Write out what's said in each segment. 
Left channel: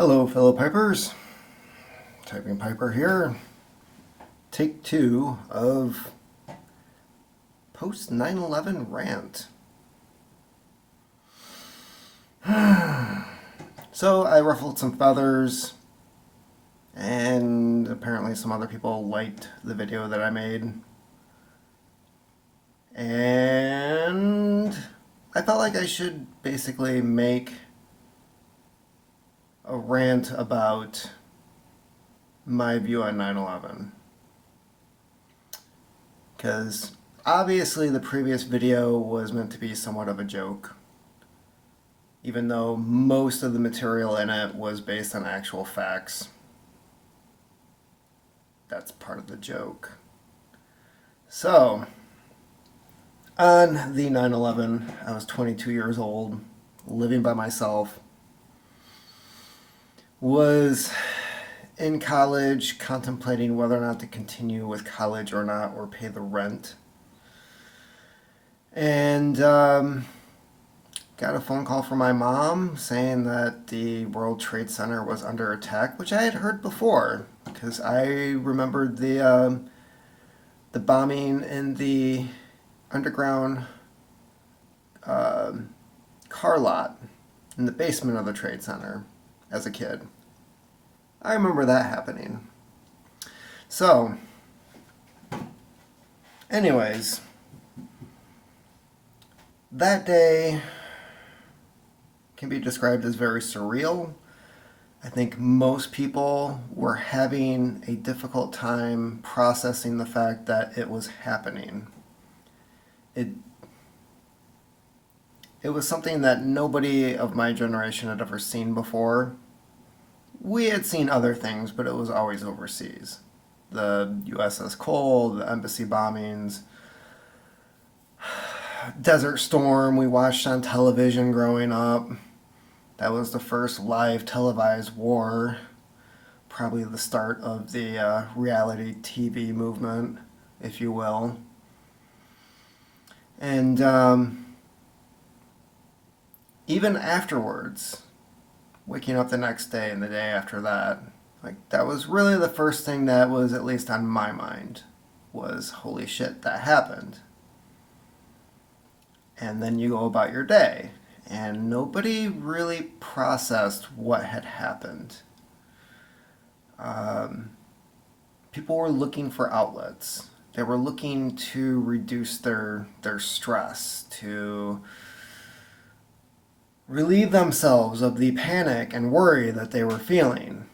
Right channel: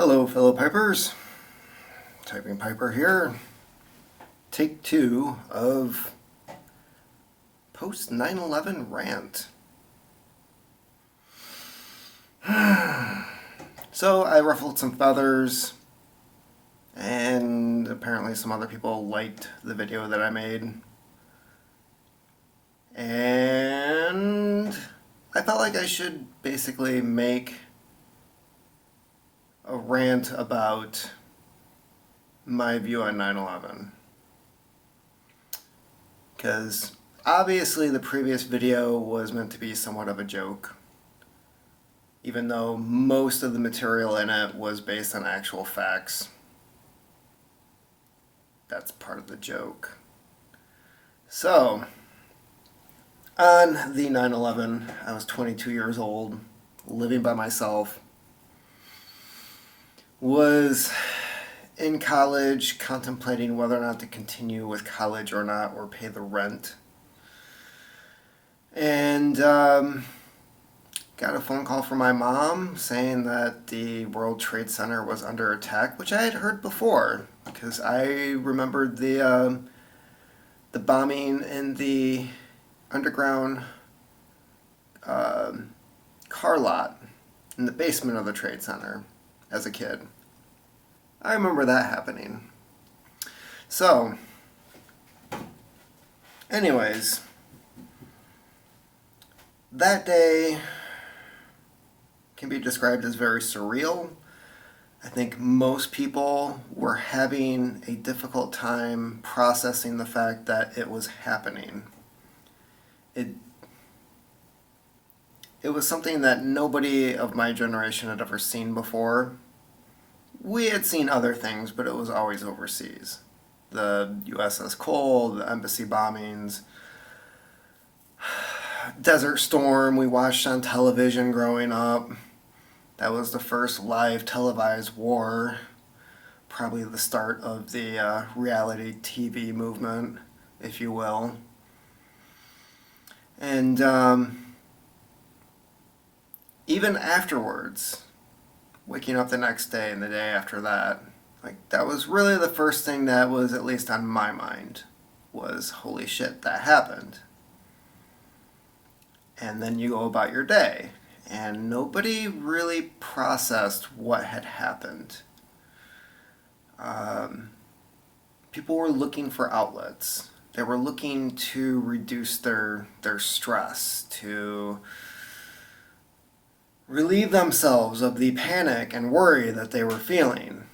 Hello, fellow Pipers. Typing Piper here. Take 2 of post 9/11 rant. So I ruffled some feathers, and apparently some other people liked the video that I made. And I felt like I should basically make a rant about my view on 9/11. Because obviously the previous video was meant to be somewhat of a joke, even though most of the material in it was based on actual facts. That's part of the joke. So, on the 9/11, I was 22 years old, living by myself, was in college contemplating whether or not to continue with college or not, or pay the rent. And got a phone call from my mom saying that the World Trade Center was under attack, which I had heard before because I remembered the bombing in the underground car lot in the basement of the Trade Center as a kid. I remember that happening. So, anyways, that day can be described as very surreal. I think most people were having a difficult time processing the fact that it was happening. It was something that nobody of my generation had ever seen before. We had seen other things, but it was always overseas. The USS Cole, the embassy bombings, Desert Storm we watched on television growing up. That was the first live televised war, probably the start of the reality TV movement, if you will. And even afterwards, waking up the next day and the day after that, like that was really the first thing that was at least on my mind was, holy shit, that happened. And then you go about your day, and nobody really processed what had happened. People were looking for outlets. They were looking to reduce their stress, to relieve themselves of the panic and worry that they were feeling.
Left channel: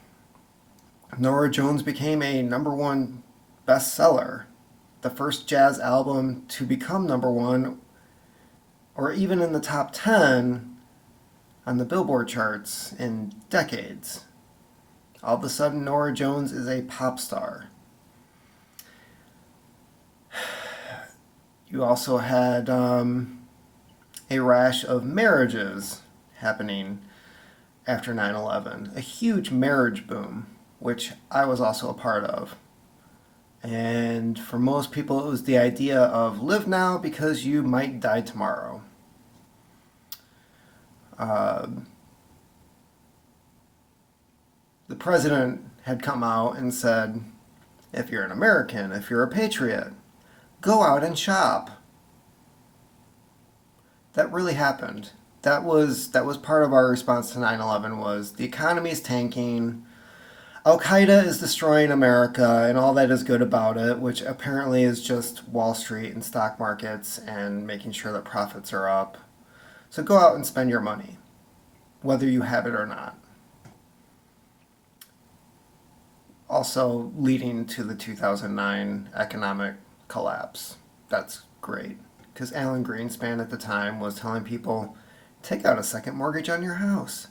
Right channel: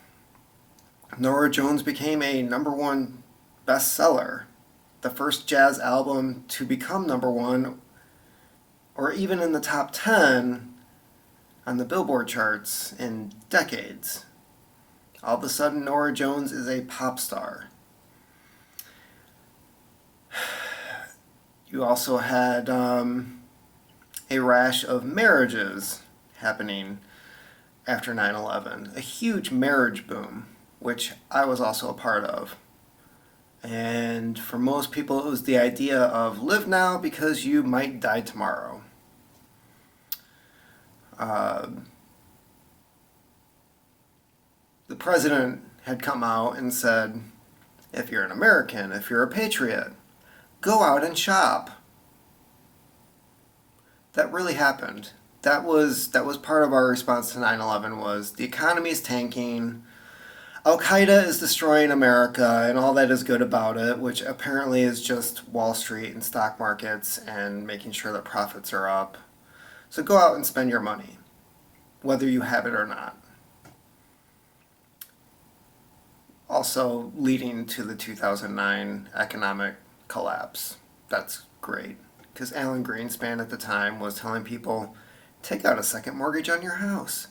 Norah Jones became a #1 bestseller, the first jazz album to become #1 or even in the top 10 on the Billboard charts in decades. All of a sudden, Norah Jones is a pop star. You also had a rash of marriages happening after 9/11, a huge marriage boom, which I was also a part of. And for most people, it was the idea of live now because you might die tomorrow. The president had come out and said, if you're an American, if you're a patriot, go out and shop. That really happened. That was part of our response to 9/11 was the economy is tanking. Al-Qaeda is destroying America and all that is good about it, which apparently is just Wall Street and stock markets and making sure that profits are up. So go out and spend your money, whether you have it or not. Also leading to the 2009 economic collapse. That's great, because Alan Greenspan at the time was telling people, take out a second mortgage on your house.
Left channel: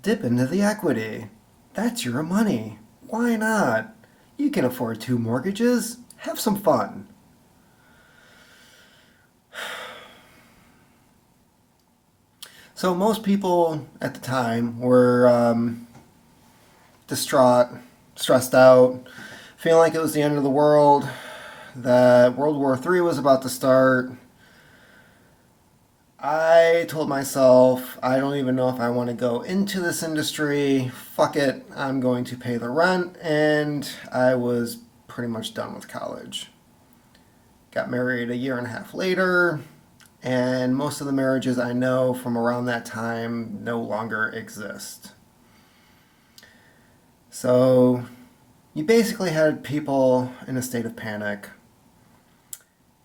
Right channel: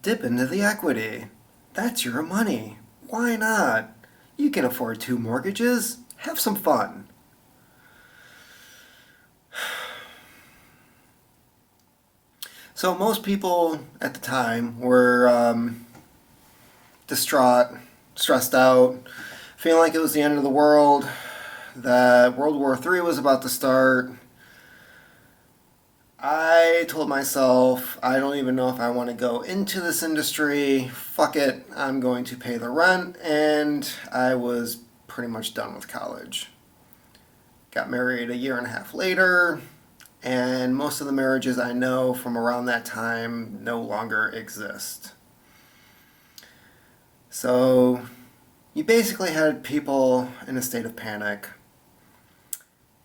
Dip into the equity. That's your money. Why not? You can afford 2 mortgages. Have some fun. So most people at the time were distraught, stressed out, feeling like it was the end of the world, that World War III was about to start. I told myself, I don't even know if I want to go into this industry. Fuck it, I'm going to pay the rent, and I was pretty much done with college. Got married a year and a half later, and most of the marriages I know from around that time no longer exist. So you basically had people in a state of panic,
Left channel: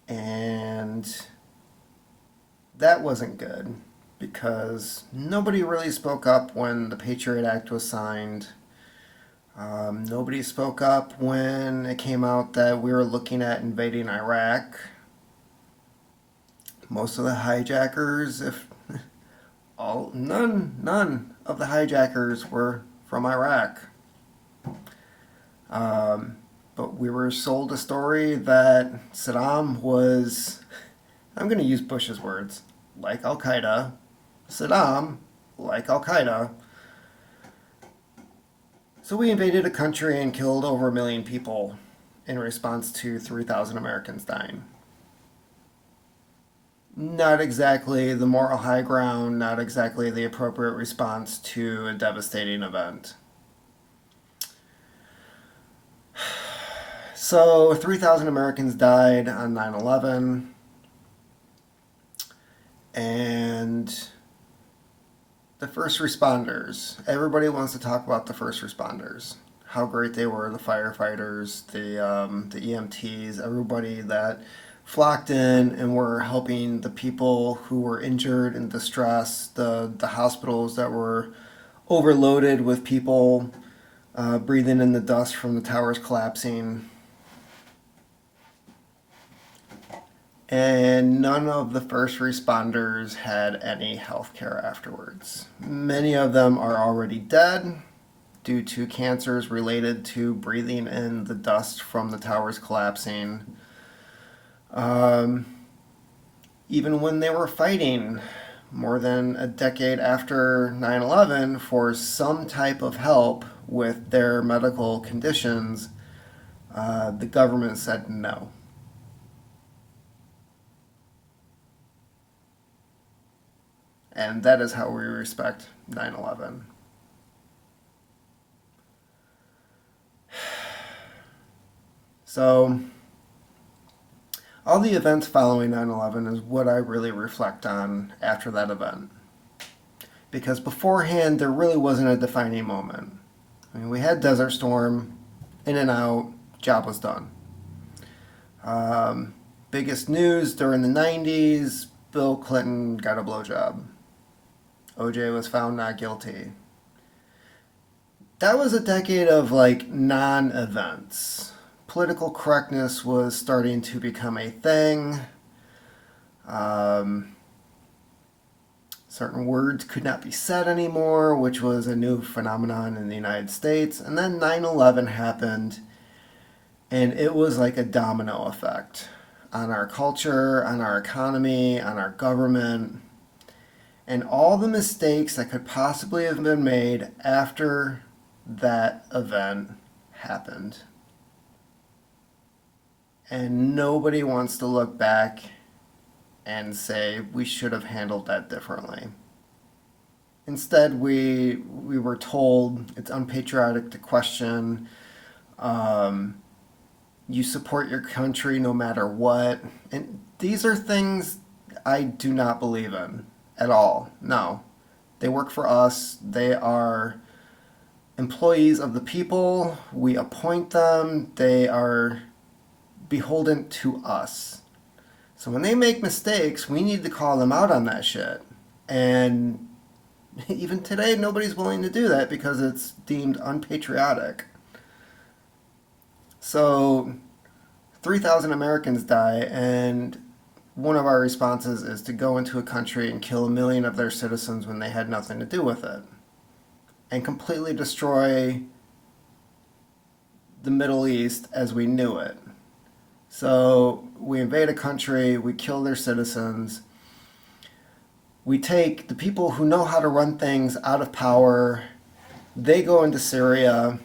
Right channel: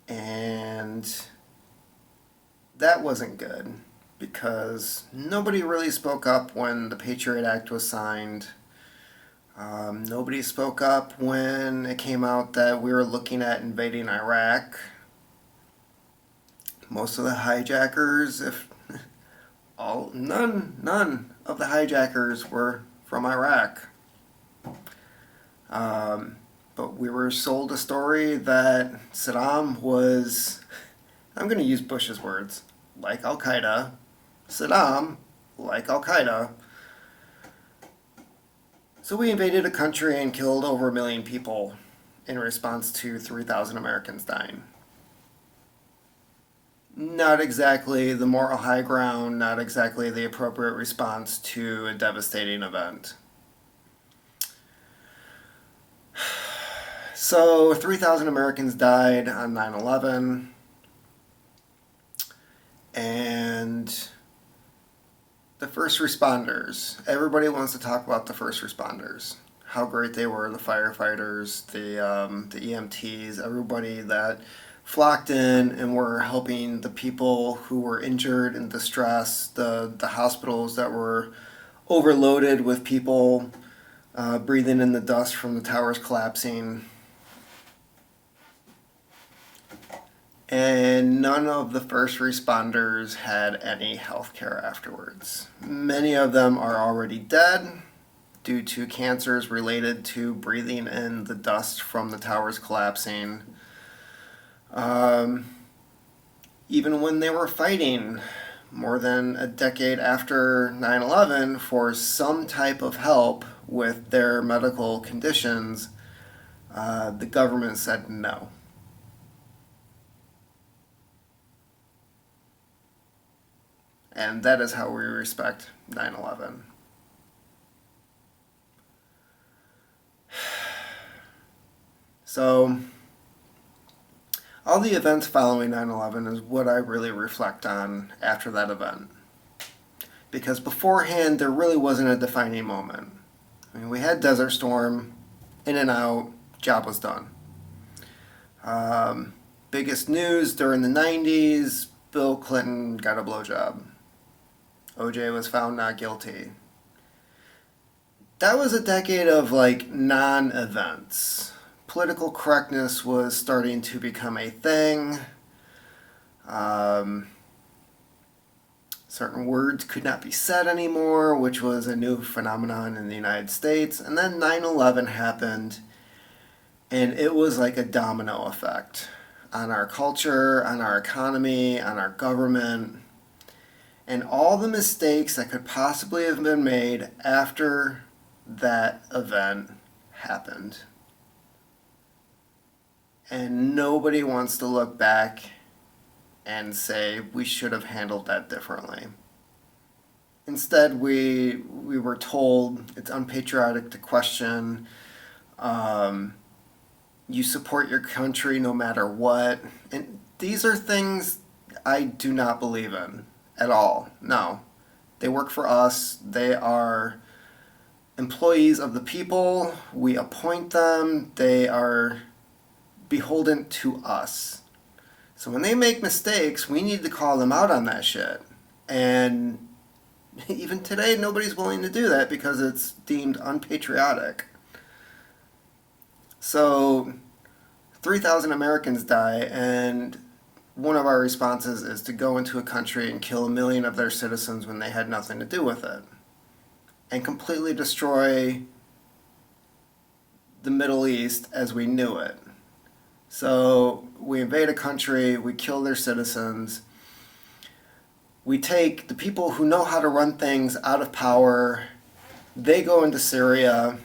and that wasn't good because nobody really spoke up when the Patriot Act was signed. Nobody spoke up when it came out that we were looking at invading Iraq. Most of the hijackers, if none of the hijackers were from Iraq. But we were sold a story that Saddam was, I'm going to use Bush's words, like Al Qaeda. Saddam, like Al Qaeda. So we invaded a country and killed over 1 million people in response to 3,000 Americans dying. Not exactly the moral high ground, not exactly the appropriate response to a devastating event. So 3,000 Americans died on 9/11, and the first responders. Everybody wants to talk about the first responders, how great they were, the firefighters, the EMTs, everybody that flocked in and were helping the people who were injured and distressed, the hospitals that were overloaded with people breathing in the dust from the towers collapsing. And none of the first responders had any health care afterwards. Many of them are already dead due to cancers related to breathing in the dust from the towers collapsing. Even when they were fighting more than a decade after 9/11 for some type of help with their medical conditions, the government said no. And that is how we respect 9/11. So, all the events following 9/11 is what I really reflect on after that event. Because beforehand, there really wasn't a defining moment. I mean, we had Desert Storm, in and out, job was done. Biggest news during the 90s, Bill Clinton got a blowjob. OJ was found not guilty. That was a decade of like non-events. Political correctness was starting to become a thing. Certain words could not be said anymore, which was a new phenomenon in the United States. And then 9/11 happened, and it was like a domino effect on our culture, on our economy, on our government. And all the mistakes that could possibly have been made after that event happened. And nobody wants to look back and say we should have handled that differently. Instead, we were told it's unpatriotic to question. You support your country no matter what. And these are things I do not believe in at all. No. They work for us. They are employees of the people. We appoint them. They are beholden to us. So when they make mistakes, we need to call them out on that shit. And even today, nobody's willing to do that because it's deemed unpatriotic. So 3,000 Americans die, and one of our responses is to go into a country and kill 1 million of their citizens when they had nothing to do with it, and completely destroy the Middle East as we knew it. So we invade a country, we kill their citizens, we take the people who know how to run things out of power, they go into Syria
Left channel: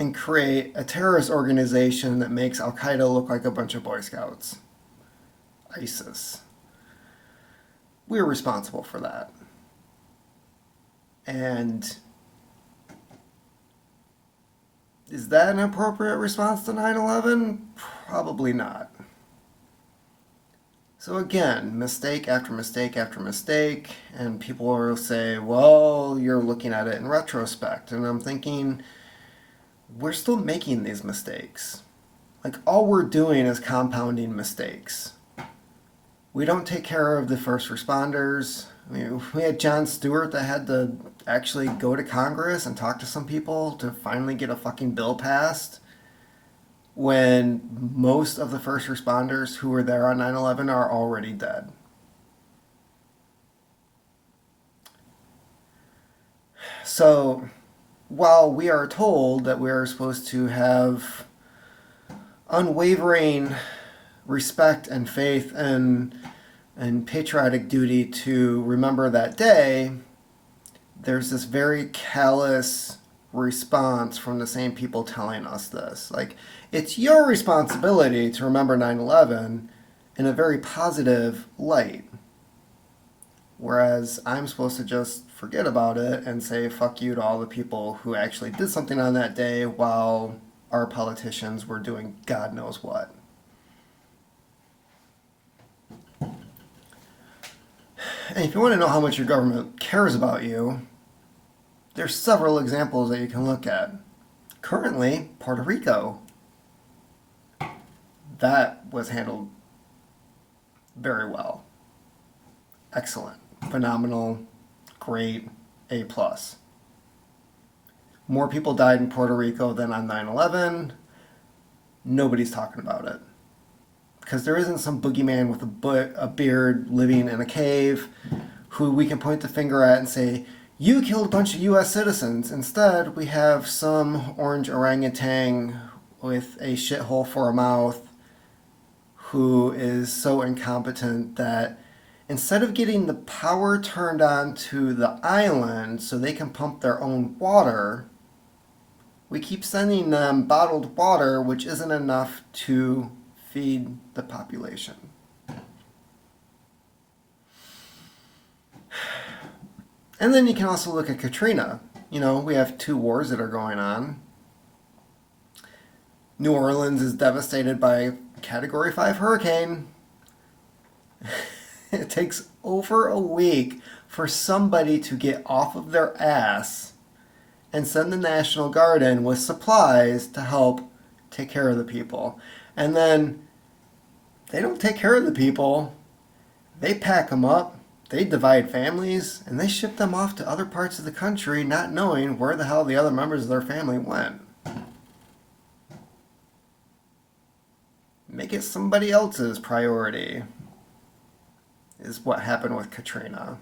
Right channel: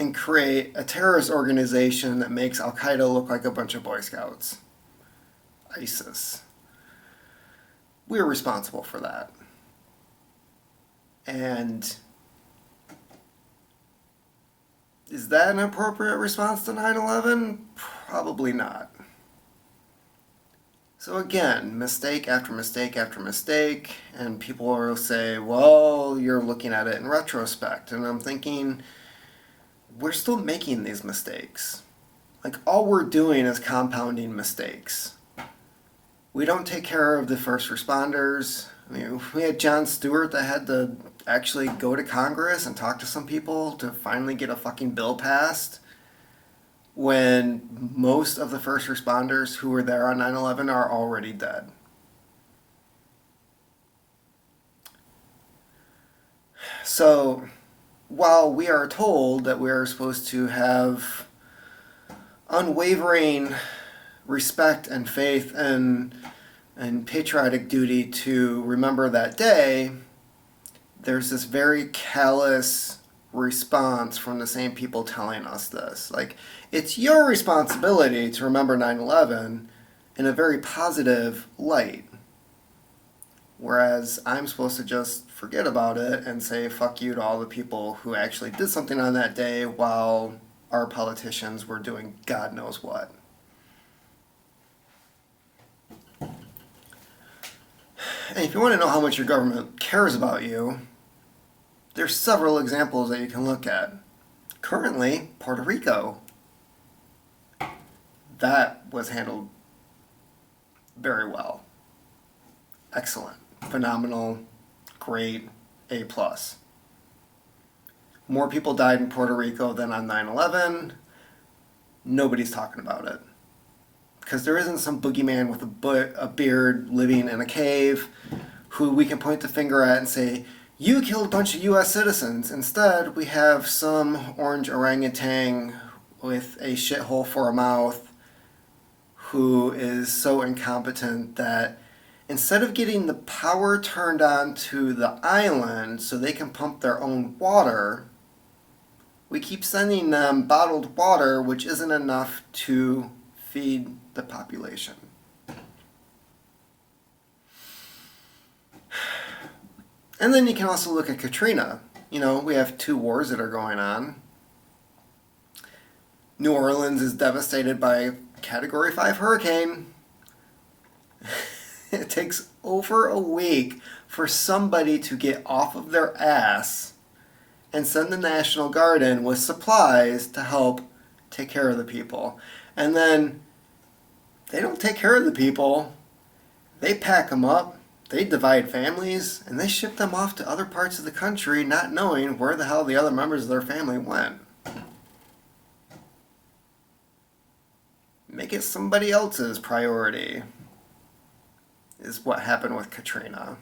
and create a terrorist organization that makes Al Qaeda look like a bunch of Boy Scouts. ISIS. we're responsible for that. And is that an appropriate response to 9/11? Probably not. So again, mistake after mistake after mistake, and people will say, well, you're looking at it in retrospect. And I'm thinking, we're still making these mistakes. Like, all we're doing is compounding mistakes. We don't take care of the first responders. I mean, we had Jon Stewart that had to actually go to Congress and talk to some people to finally get a fucking bill passed, when most of the first responders who were there on 9/11 are already dead. So, while we are told that we are supposed to have unwavering respect and faith and patriotic duty to remember that day, there's this very callous response from the same people telling us this. Like, it's your responsibility to remember 9/11 in a very positive light. Whereas I'm supposed to just forget about it and say fuck you to all the people who actually did something on that day while our politicians were doing God knows what. And if you want to know how much your government cares about you, there's several examples that you can look at. Currently, Puerto Rico. That was handled very well. Excellent. Phenomenal. Great. A+. More people died in Puerto Rico than on 9/11. Nobody's talking about it. Because there isn't some boogeyman with a beard living in a cave who we can point the finger at and say, you killed a bunch of U.S. citizens. Instead, we have some orange orangutan with a shithole for a mouth who is so incompetent that instead of getting the power turned on to the island so they can pump their own water, we keep sending them bottled water, which isn't enough to feed the population. And then you can also look at Katrina. You know, we have 2 wars that are going on. New Orleans is devastated by a Category 5 hurricane. It takes over a week for somebody to get off of their ass and send the National Guard in with supplies to help take care of the people. And then they don't take care of the people. They pack them up, they divide families, and they ship them off to other parts of the country not knowing where the hell the other members of their family went. Make it somebody else's priority, is what happened with Katrina.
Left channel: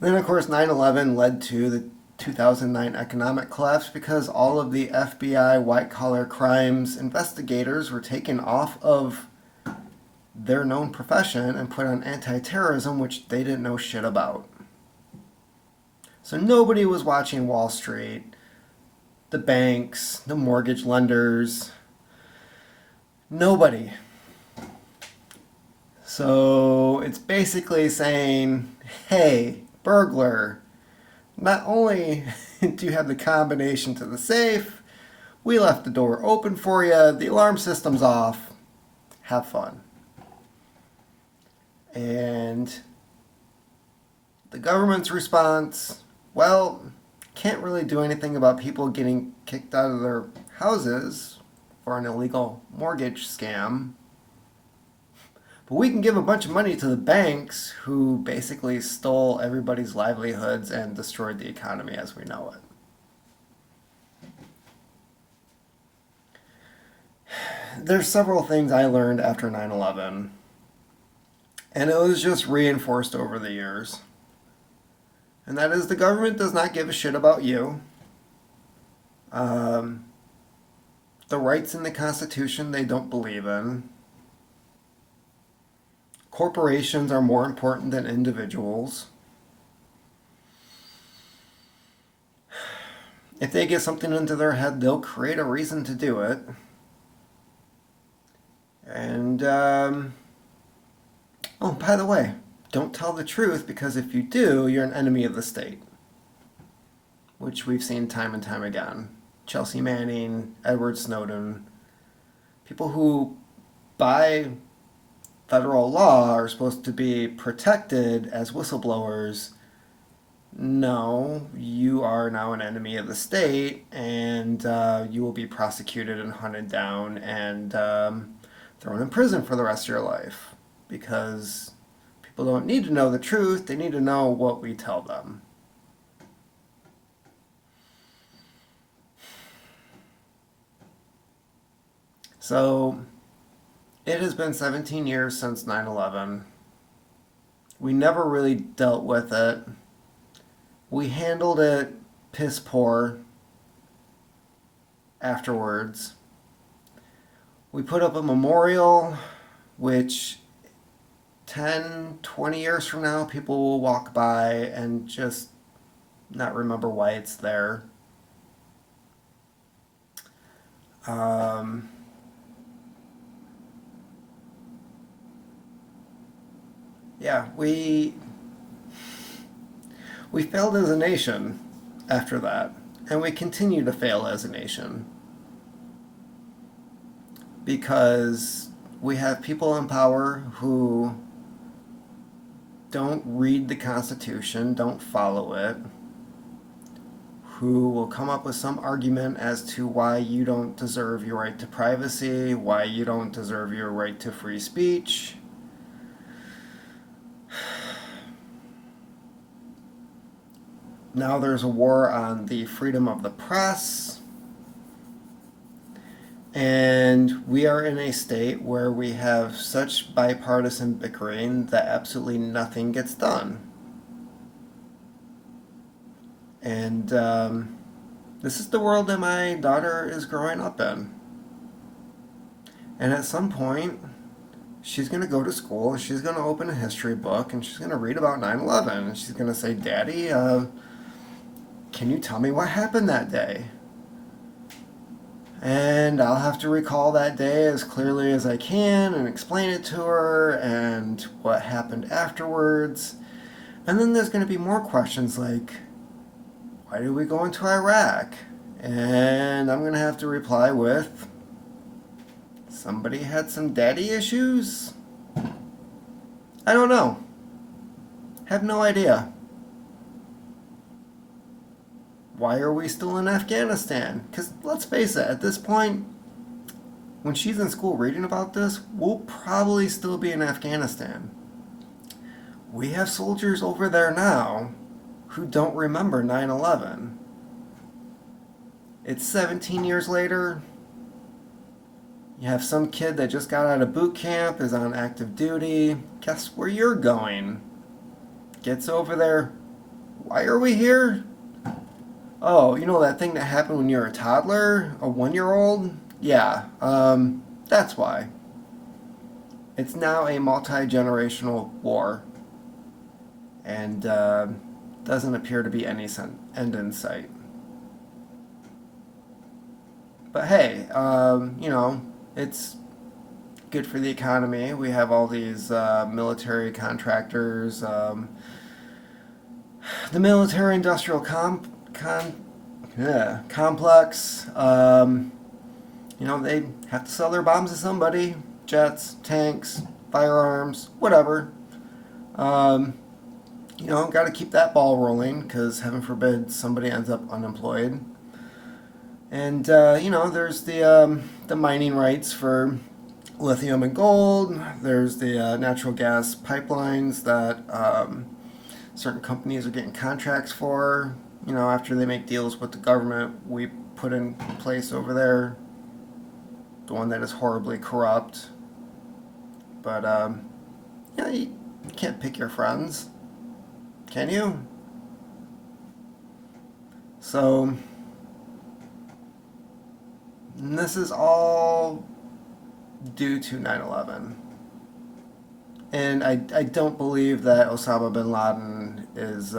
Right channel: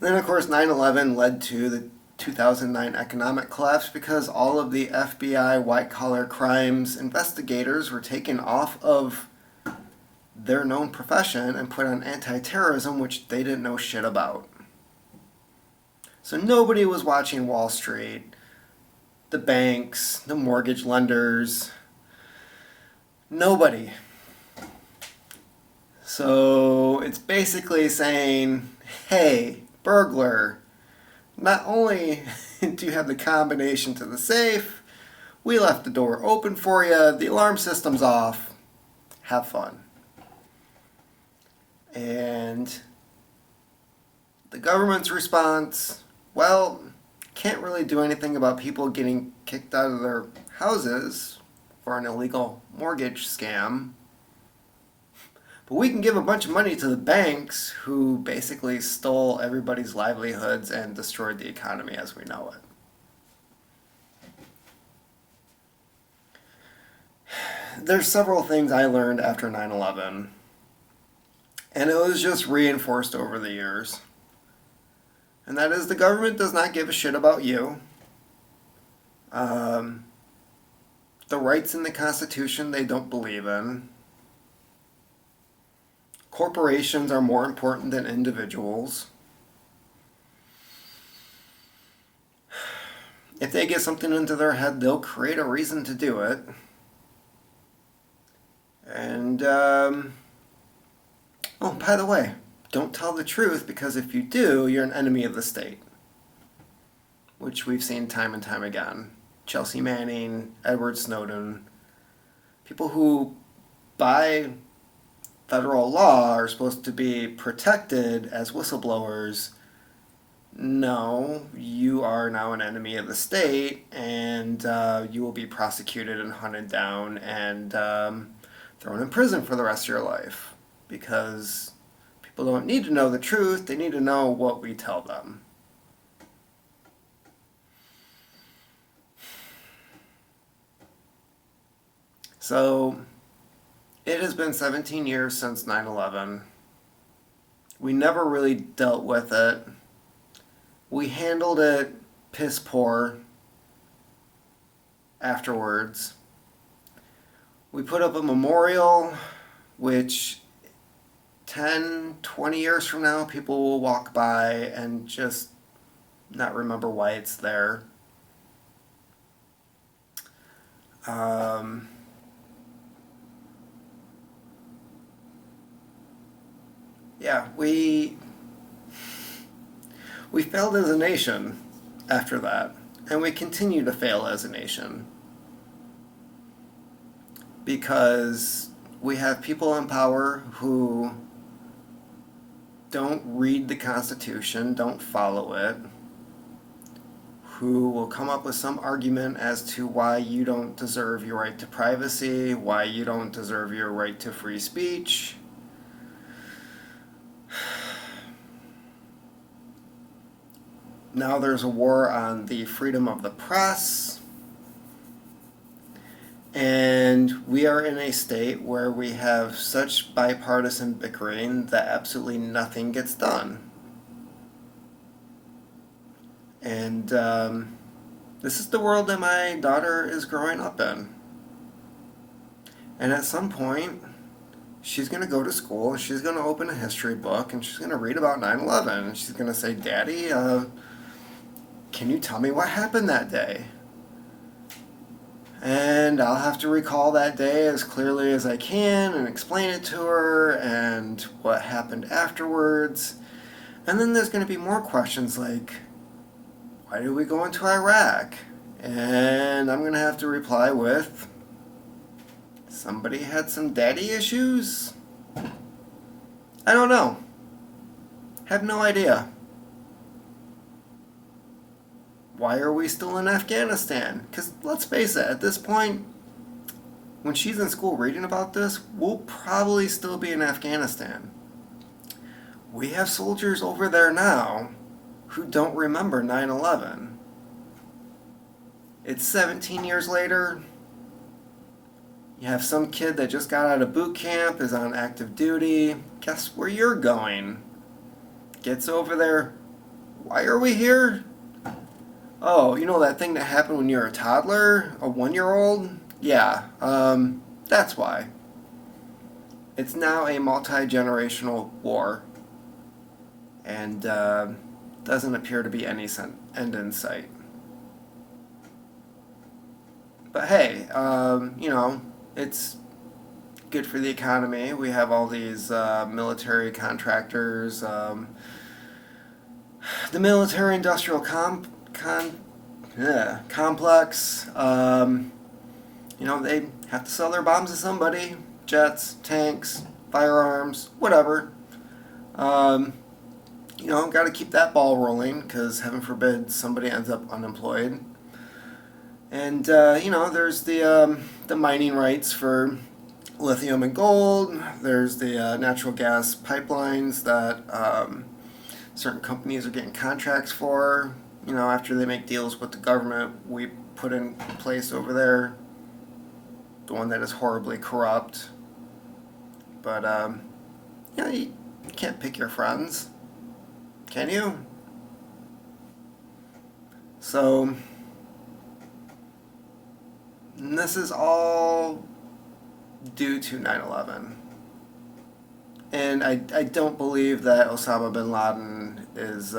And then, of course, 9/11 led to the 2009 economic collapse because all of the FBI white-collar crimes investigators were taken off of their known profession and put on anti-terrorism, which they didn't know shit about. So nobody was watching Wall Street, the banks, the mortgage lenders, nobody. So it's basically saying, hey, burglar, not only do you have the combination to the safe, we left the door open for you, the alarm system's off, have fun. And the government's response, well, can't really do anything about people getting kicked out of their houses for an illegal mortgage scam. But we can give a bunch of money to the banks who basically stole everybody's livelihoods and destroyed the economy as we know it. There's several things I learned after 9/11, and it was just reinforced over the years. And that is, the government does not give a shit about you. The rights in the Constitution they don't believe in. Corporations are more important than individuals. If they get something into their head, they'll create a reason to do it. And Oh, by the way, don't tell the truth because if you do, you're an enemy of the state, which we've seen time and time again. Chelsea Manning, Edward Snowden, people who, by federal law, are supposed to be protected as whistleblowers. No, you are now an enemy of the state, and you will be prosecuted and hunted down and thrown in prison for the rest of your life because people don't need to know the truth, they need to know what we tell them. So, it has been 17 years since 9/11. We never really dealt with it. We handled it piss poor afterwards. We put up a memorial, which 10, 20 years from now, people will walk by and just not remember why it's there. Yeah, we failed as a nation after that, and we continue to fail as a nation because we have people in power who don't read the Constitution, don't follow it, who will come up with some argument as to why you don't deserve your right to privacy, why you don't deserve your right to free speech. Now there's a war on the freedom of the press. And we are in a state where we have such bipartisan bickering that absolutely nothing gets done. And this is the world that my daughter is growing up in. And at some point, she's going to go to school, she's going to open a history book, and she's going to read about 9/11. And she's going to say, Daddy, can you tell me what happened that day? And I'll have to recall that day as clearly as I can and explain it to her and what happened afterwards. And then there's going to be more questions like, why did we go into Iraq? And I'm going to have to reply with, somebody had some daddy issues? I don't know. Have no idea. Why are we still in Afghanistan? Because let's face it, at this point, when she's in school reading about this, we'll probably still be in Afghanistan. We have soldiers over there now who don't remember 9/11. It's 17 years later. You have some kid that just got out of boot camp, is on active duty. Guess where you're going? Gets over there. Why are we here? Oh, you know that thing that happened when you were a toddler? A 1-year-old? Yeah, that's why. It's now a multi-generational war. And doesn't appear to be any end in sight. But hey, it's good for the economy. We have all these military contractors, the military-industrial complex. They have to sell their bombs to somebody. Jets, tanks, firearms, whatever. Got to keep that ball rolling because heaven forbid somebody ends up unemployed. And there's the mining rights for lithium and gold. There's the natural gas pipelines that certain companies are getting contracts for. After they make deals with the government, we put in place over there. The one that is horribly corrupt. But you can't pick your friends, can you? So. And this is all due to 9/11. And I don't believe that Osama bin Laden is...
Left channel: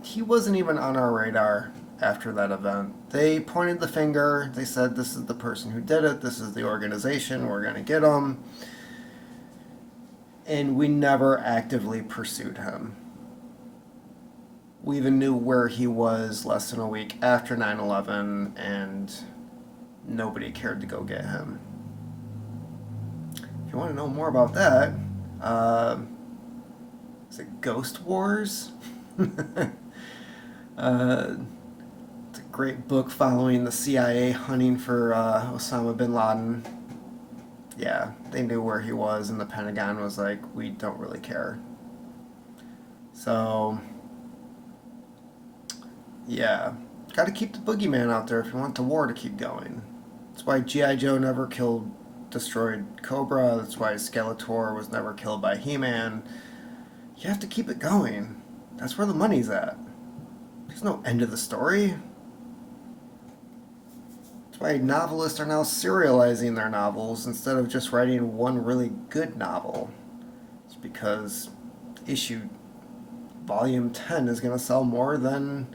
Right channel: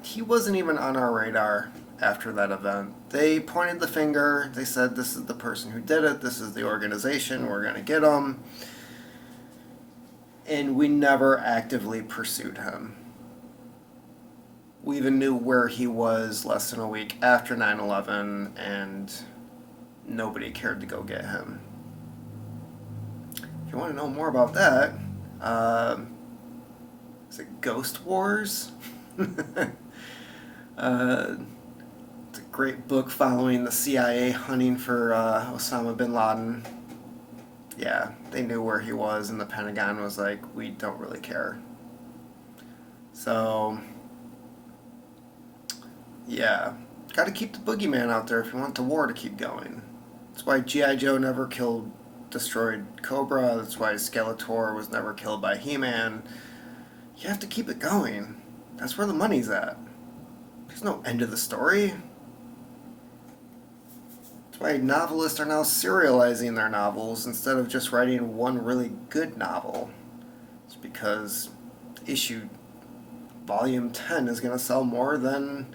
He wasn't even on our radar after that event. They pointed the finger. They said, this is the person who did it. This is the organization. We're going to get them. And we never actively pursued him. We even knew where he was less than a week after 9/11, and nobody cared to go get him. If you want to know more about that, is it Ghost Wars? It's a great book following the CIA hunting for Osama bin Laden. Yeah, they knew where he was, and the Pentagon was like, we don't really care. So, yeah, got to keep the boogeyman out there if you want the war to keep going. That's why G.I. Joe never destroyed Cobra. That's why Skeletor was never killed by He-Man. You have to keep it going. That's where the money's at. There's no end to the story. That's why novelists are now serializing their novels instead of just writing one really good novel. It's because volume 10 is going to sell more than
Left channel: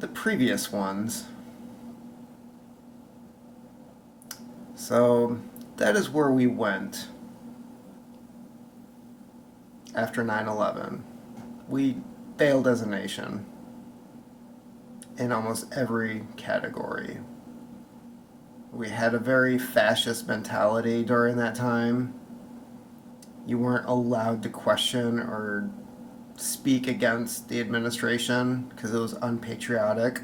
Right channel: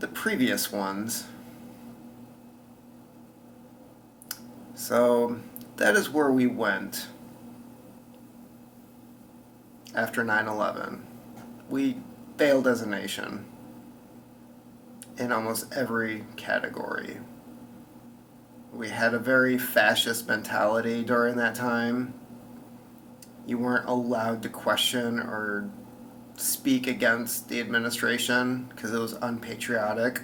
the previous ones. So that is where we went after 9/11. We failed as a nation in almost every category. We had a very fascist mentality during that time. You weren't allowed to question or speak against the administration because it was unpatriotic.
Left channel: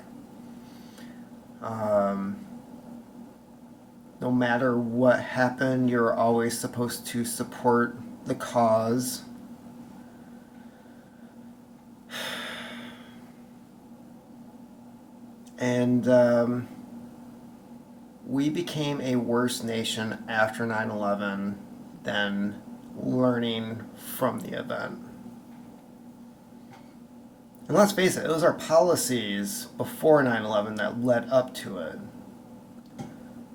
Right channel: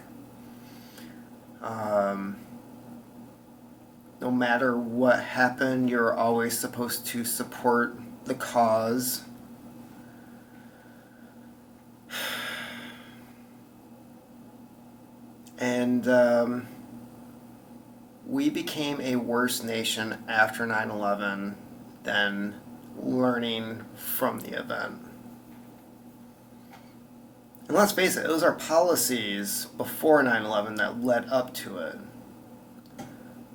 No matter what happened, you're always supposed to support the cause. And we became a worse nation after 9/11 than learning from the event. And let's face it, it was our policies before 9/11 that led up to it.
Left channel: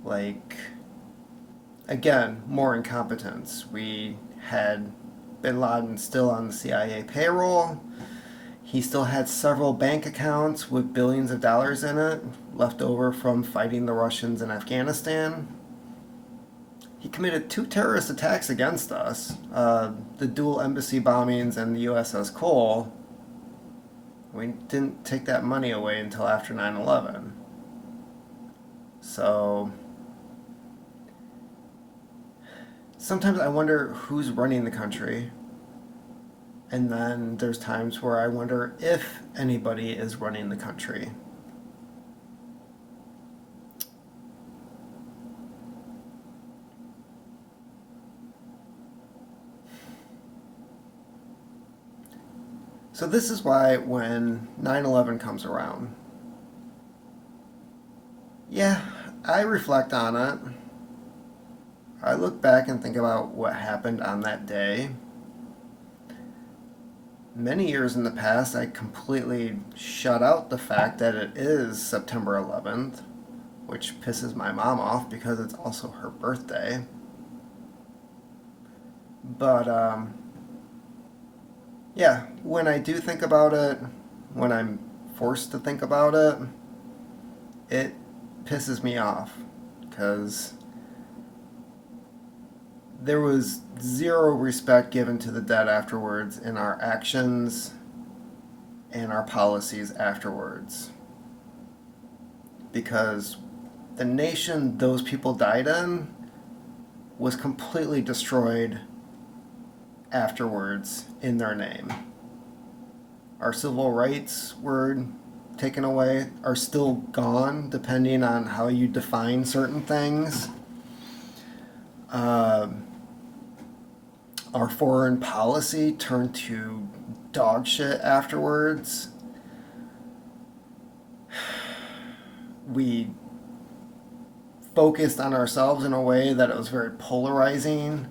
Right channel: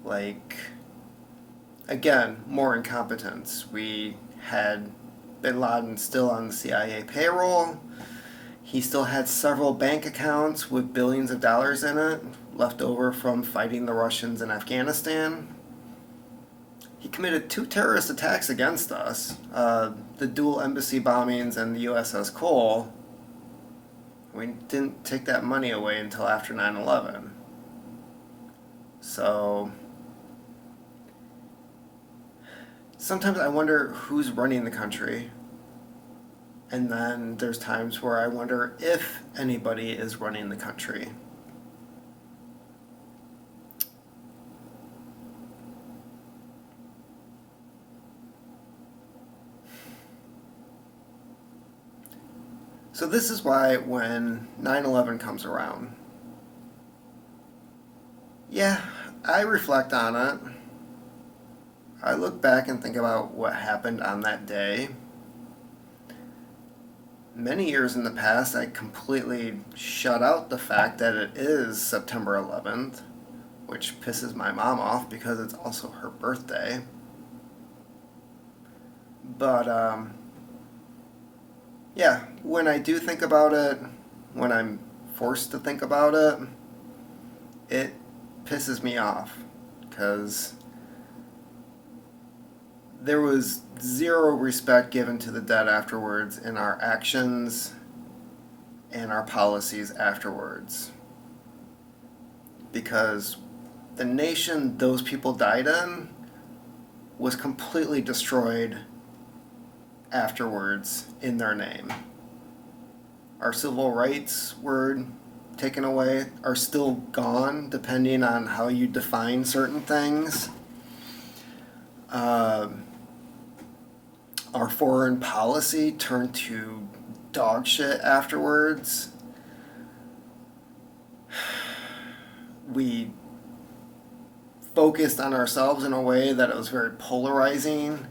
Like, again, more incompetence. We had bin Laden still on the CIA payroll. He still had several bank accounts with billions of dollars in it, left over from fighting the Russians in Afghanistan. He committed 2 terrorist attacks against us, the dual embassy bombings and the USS Cole. We didn't take that money away until after 9/11. So sometimes I wonder who's running the country. And then there's times where I wonder if anybody is running the country. So this is why when 9/11 comes around, yeah, I reflect on it. I look back and think about what happened on that day. Many years in the past, I completely shut out the fact that it is September 11th, which pisses my mom off because it's also her birthday. But, yeah, when I do think about it, when I'm forced to think about it, it pisses me off because there was zero respect given to the dead afterwards in our actions and our policies afterwards. Because the nation those people died in was completely destroyed afterwards in their name. Our civil rights were taken away, are still gone, depending on how you define certain things. Our foreign policy turned to dog shit afterwards. We focused on ourselves in a way that it was very polarizing.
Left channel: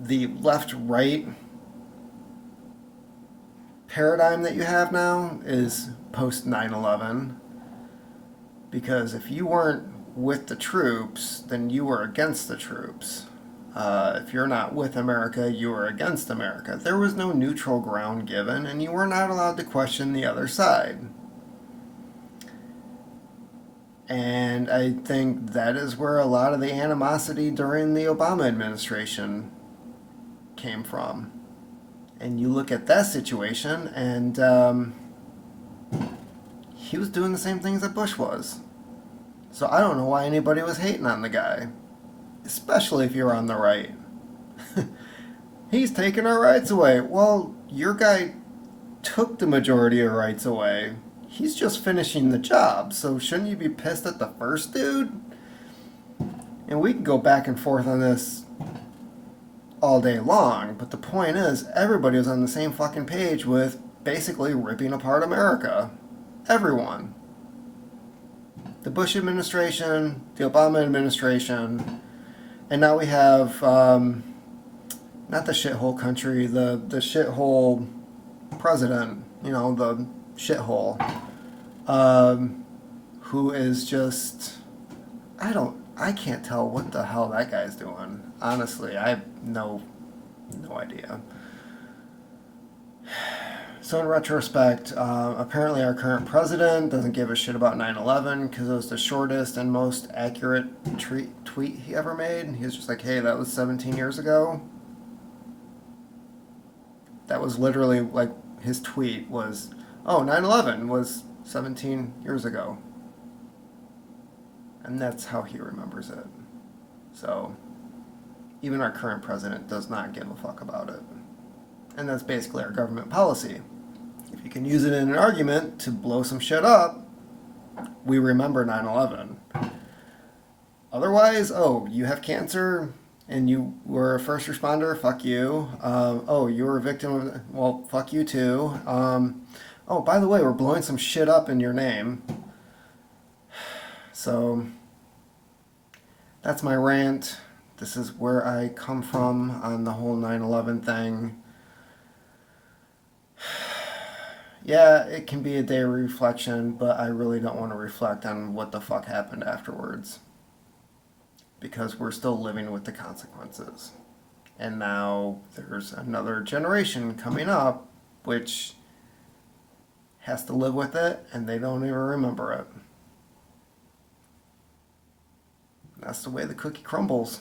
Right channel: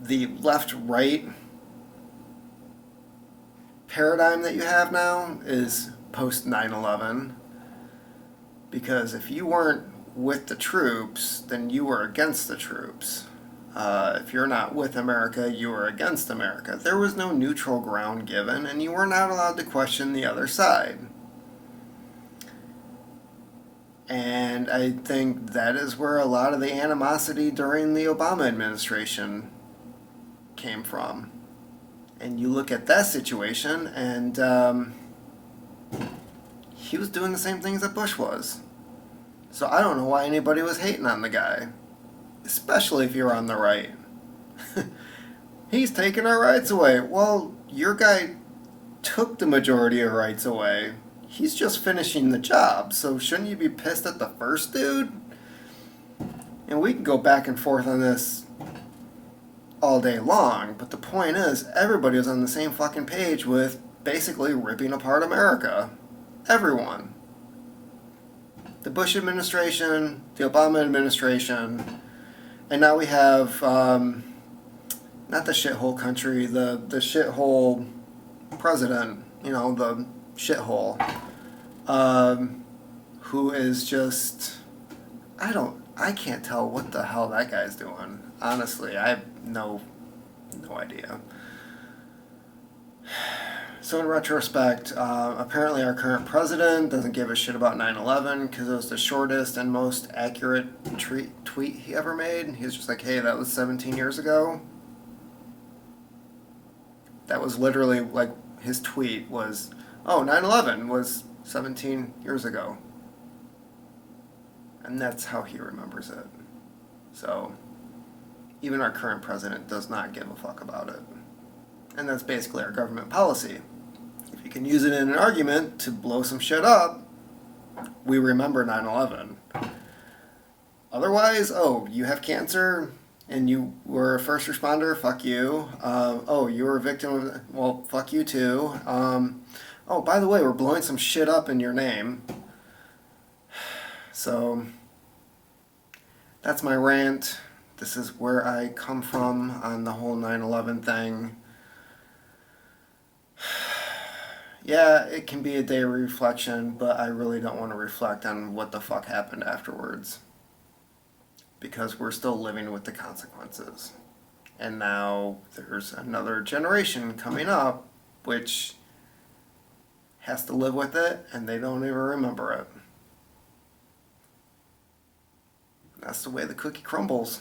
The left-right paradigm that you have now is post 9/11, because if you weren't with the troops, then you were against the troops. If you're not with America, you were against America. There was no neutral ground given, and you were not allowed to question the other side. And I think that is where a lot of the animosity during the Obama administration came from. And you look at that situation, and he was doing the same things that Bush was. So I don't know why anybody was hating on the guy, especially if you're on the right. He's taking our rights away. Well, your guy took the majority of rights away. He's just finishing the job, so shouldn't you be pissed at the first dude? And we can go back and forth on this all day long, but the point is, everybody was on the same fucking page with basically ripping apart America. Everyone. The Bush administration, the Obama administration, and now we have, not the shithole country, the shithole president, the shithole, who is just, I can't tell what the hell that guy's doing. Honestly, I have no idea. So in retrospect, apparently our current president doesn't give a shit about 9/11 because it was the shortest and most accurate tweet he ever made. He was just like, hey, that was 17 years ago. That was literally like his tweet was, oh, 9/11 was 17 years ago. And that's how he remembers it. So even our current president does not give a fuck about it. And that's basically our government policy. If you can use it in an argument to blow some shit up, we remember 9/11. Otherwise, oh, you have cancer and you were a first responder, fuck you. Oh, you were a victim of, well, fuck you too. Oh, by the way, we're blowing some shit up in your name. So that's my rant. This is where I come from on the whole 9/11 thing. Yeah, it can be a day of reflection, but I really don't want to reflect on what the fuck happened afterwards. Because we're still living with the consequences. And now there's another generation coming up which has to live with it, and they don't even remember it. That's the way the cookie crumbles.